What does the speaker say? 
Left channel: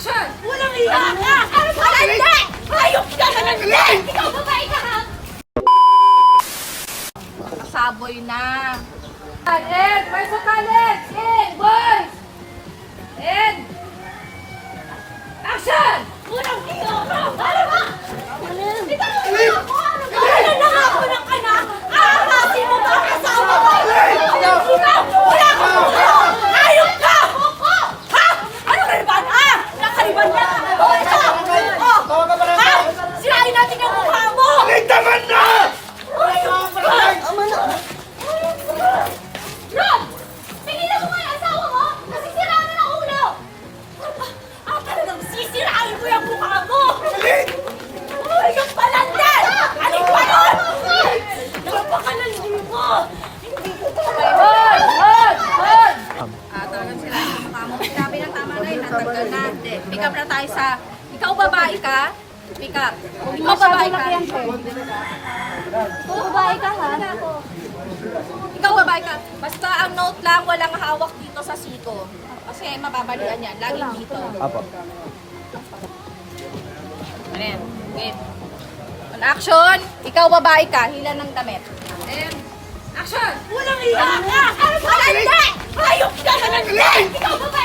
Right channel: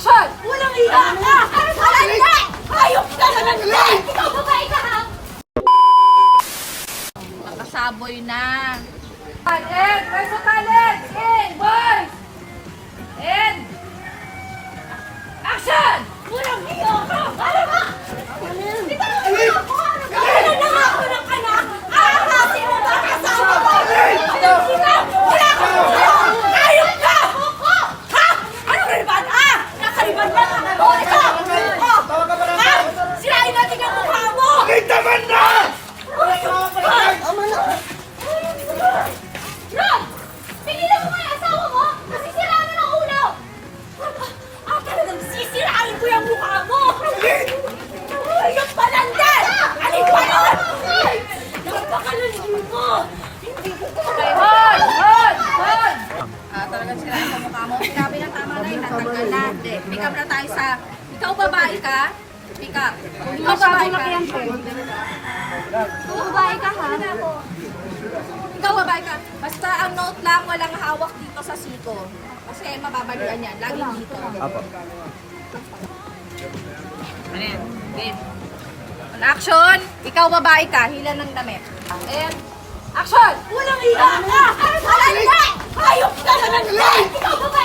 Action! Walang iya ka! Ano ba? Hindi! Hayop ka na lang! Ikaw babae ka ha? Makasaboy na. Ed! Boys of Ed! Ed! Boys! Ed! Action! Walang iya ka! Ano ba? Bitaw mo na ako! Wala na nga ako ng anak! Aakasin mo ba ang asawa ko? Ikaw! Wala akong buhay! Hayop ka! Ha? Ano kaliban? Ah! Nakaliban ka! Oh, ito! Oh! Ha? Sirain natin yung mukha mo! Taman na! Ama na! Rob! Pigilan mo nga yung asawa mo! Kasi siraan na ng ulo! Talagang sisirain ko yung mukha mo! Ay, yung palandan! Anong palon? Napakalansin mo! Hindi ko talaga! Hold! Talagang siraan yung mukha mo. Sinabi na tama na yun. Natanggal na. Pick up na tayo sa... Ikaw babae ka? Pick up. Ikaw babae ka? Ikaw babae ka ha? Ikaw babae ka. Basta ang note lang, walang hawak dito sa siko. Kasi mababalian yan. Laging dito. Apo. Ano yan? Wait. On action! Ikaw babae ka, hila ng damit. And action! Walang iya ka! Ano ba? Hindi! Hayop ka na lang! Ikaw babae